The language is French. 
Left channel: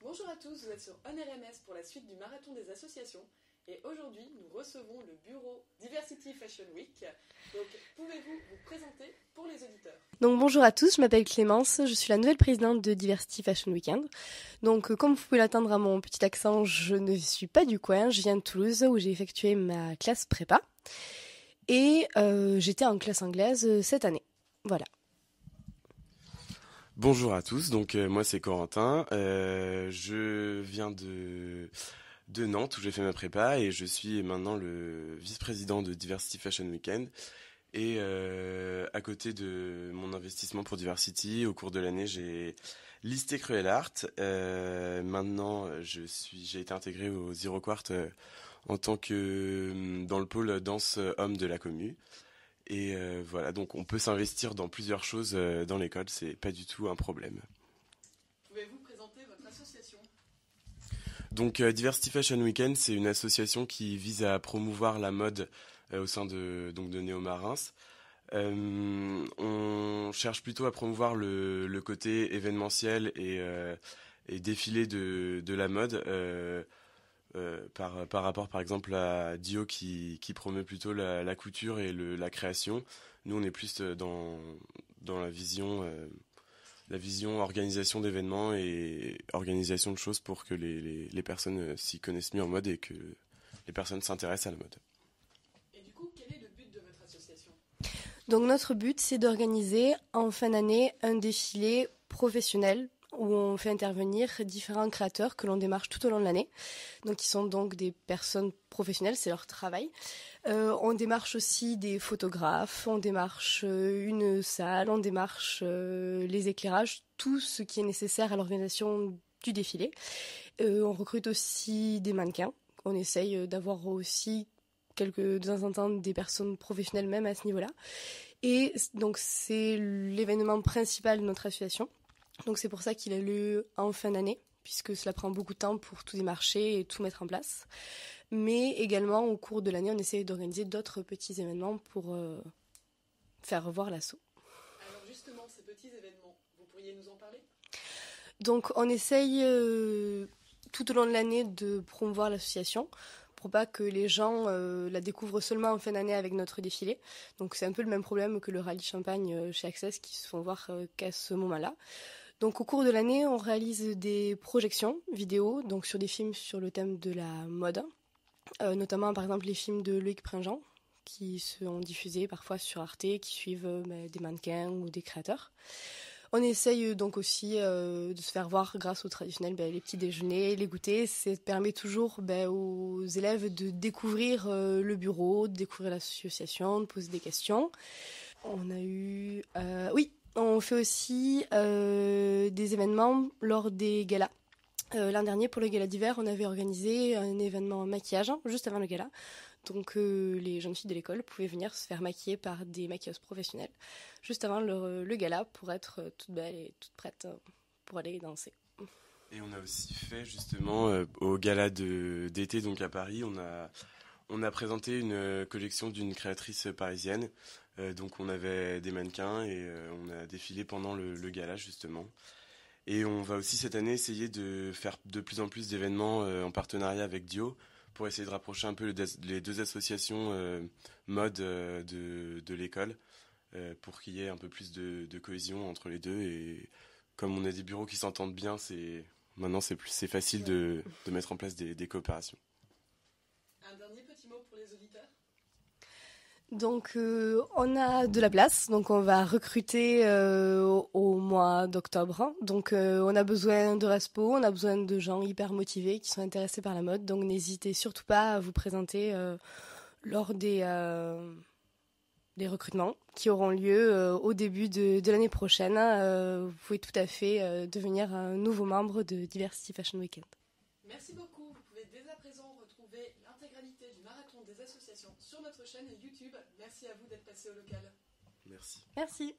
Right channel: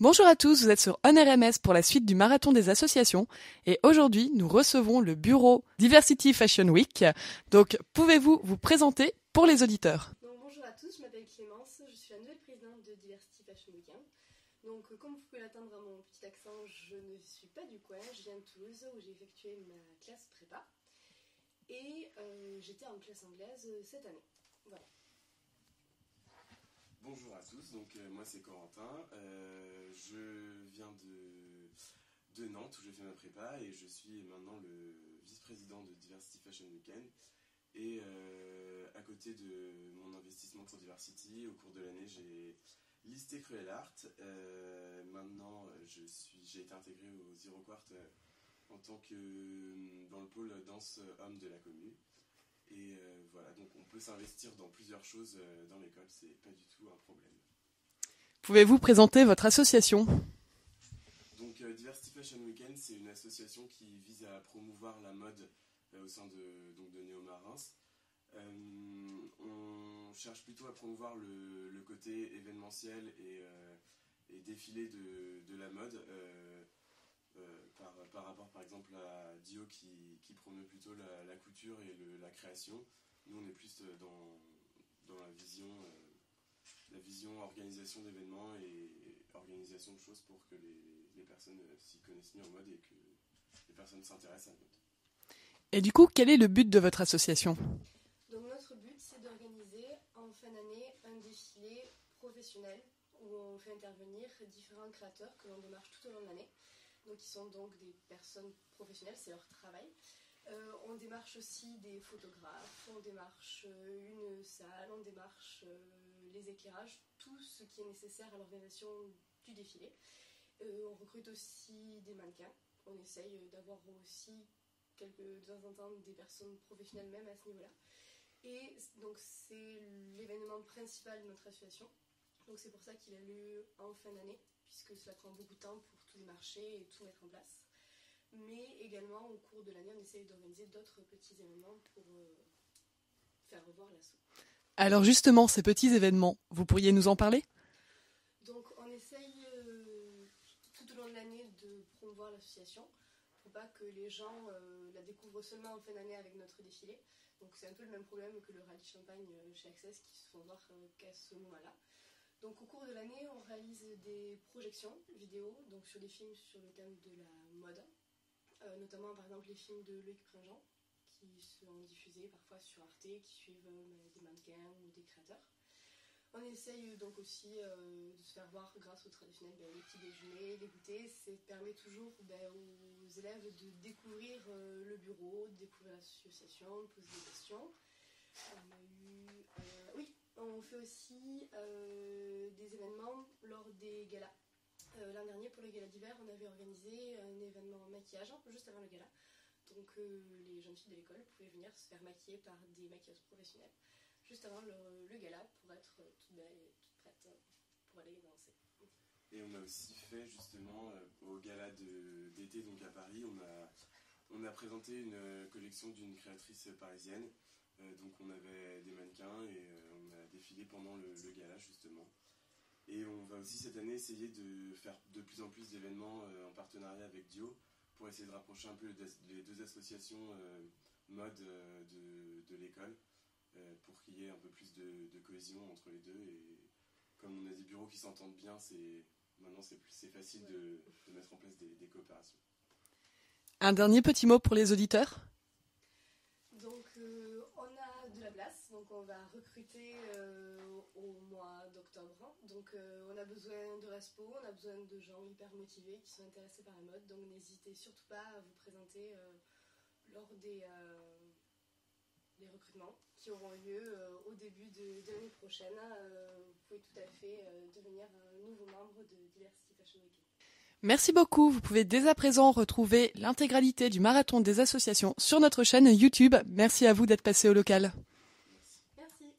Bonjour à tous, vous êtes sur OnRMS pour la suite du marathon des associations et aujourd'hui nous recevons le bureau Diversity Fashion Week. Donc pouvez-vous vous présenter pour les auditeurs? Donc bonjour à tous, je m'appelle Clémence, je suis la nouvelle présidente de Diversity Fashion Weekend. Donc comme vous pouvez l'entendre à mon petit accent, je ne suis pas du coin, je viens de Toulouse où j'ai effectué ma classe prépa et j'étais en classe anglaise cette année. Voilà. Bonjour à tous, donc moi c'est Corentin, je viens de Nantes où j'ai fait ma prépa et je suis maintenant le vice-président de Diversity Fashion Weekend. Et à côté de mon investissement pour Diversity, au cours de l'année j'ai listé Cruel Art. Maintenant j'ai été intégré au Zero Quart en tant que dans le pôle danse homme de la commu. Et voilà, donc on peut s'investir dans plusieurs choses dans l'école, c'est pas du tout un problème. Pouvez-vous présenter votre association? Donc Diversity Fashion Weekend, c'est une association qui vise à promouvoir la mode au sein de Néo-Marins. On cherche plutôt à promouvoir le côté événementiel et défilé de la mode. Par rapport par exemple à Dio qui promeut plutôt la couture et la création. Nous on est plus dans la vision organisation d'événements et organisation de choses pour que les personnes s'y connaissent mieux en mode et que les personnes s'intéressent à la mode. Et du coup, quel est le but de votre association? Donc notre but c'est d'organiser en fin d'année un défilé professionnel où on fait intervenir différents créateurs que l'on démarche tout au long de l'année. Donc ils sont donc des personnes professionnelles, c'est leur travail. On démarche aussi des photographes, on démarche une salle, on démarche les éclairages, tout ce qui est nécessaire à l'organisation du défilé. On recrute aussi des mannequins. On essaye d'avoir aussi de temps en temps des personnes professionnelles même à ce niveau-là. Et donc c'est l'événement principal de notre association. Donc c'est pour ça qu'il a lieu en fin d'année, puisque cela prend beaucoup de temps pour tout démarcher et tout mettre en place. Mais également, au cours de l'année, on essaie d'organiser d'autres petits événements pour faire revoir l'asso. Alors justement, ces petits événements, vous pourriez nous en parler? Donc on essaye tout au long de l'année de promouvoir l'association pour pas que les gens la découvrent seulement en fin d'année avec notre défilé. Donc c'est un peu le même problème que le rallye champagne chez Access qui se font voir qu'à ce moment-là. Donc au cours de l'année, on réalise des projections vidéo donc sur des films sur le thème de la mode, notamment par exemple les films de Loïc Pringent qui sont diffusés parfois sur Arte, qui suivent des mannequins ou des créateurs. On essaye donc aussi de se faire voir grâce au traditionnel, les petits déjeuners, les goûters. Ça permet toujours aux élèves de découvrir le bureau, de découvrir l'association, de poser des questions. On a eu... On fait aussi des événements lors des galas. L'an dernier, pour le gala d'hiver, on avait organisé un événement maquillage juste avant le gala. Donc les jeunes filles de l'école pouvaient venir se faire maquiller par des maquilleuses professionnelles juste avant le gala pour être toutes belles et toutes prêtes pour aller danser. Et on a aussi fait justement au gala d'été donc à Paris, on a présenté une collection d'une créatrice parisienne. Donc on avait des mannequins et on a défilé pendant le gala justement. Et on va aussi cette année essayer de faire de plus en plus d'événements en partenariat avec Dio pour essayer de rapprocher un peu les deux associations mode de l'école pour qu'il y ait un peu plus de cohésion entre les deux. Et comme on a des bureaux qui s'entendent bien, maintenant c'est facile de mettre en place des coopérations. Un dernier petit mot pour les auditeurs? Donc on a de la place, donc on va recruter au mois d'octobre. Donc on a besoin de respo, on a besoin de gens hyper motivés qui sont intéressés par la mode. Donc n'hésitez surtout pas à vous présenter lors des recrutements qui auront lieu au début de l'année prochaine. Vous pouvez tout à fait devenir un nouveau membre de Diversity Fashion Weekend. Merci beaucoup, vous pouvez dès à présent retrouver l'intégralité du marathon des associations sur notre chaîne YouTube. Merci à vous d'être passé au local. Merci. Merci.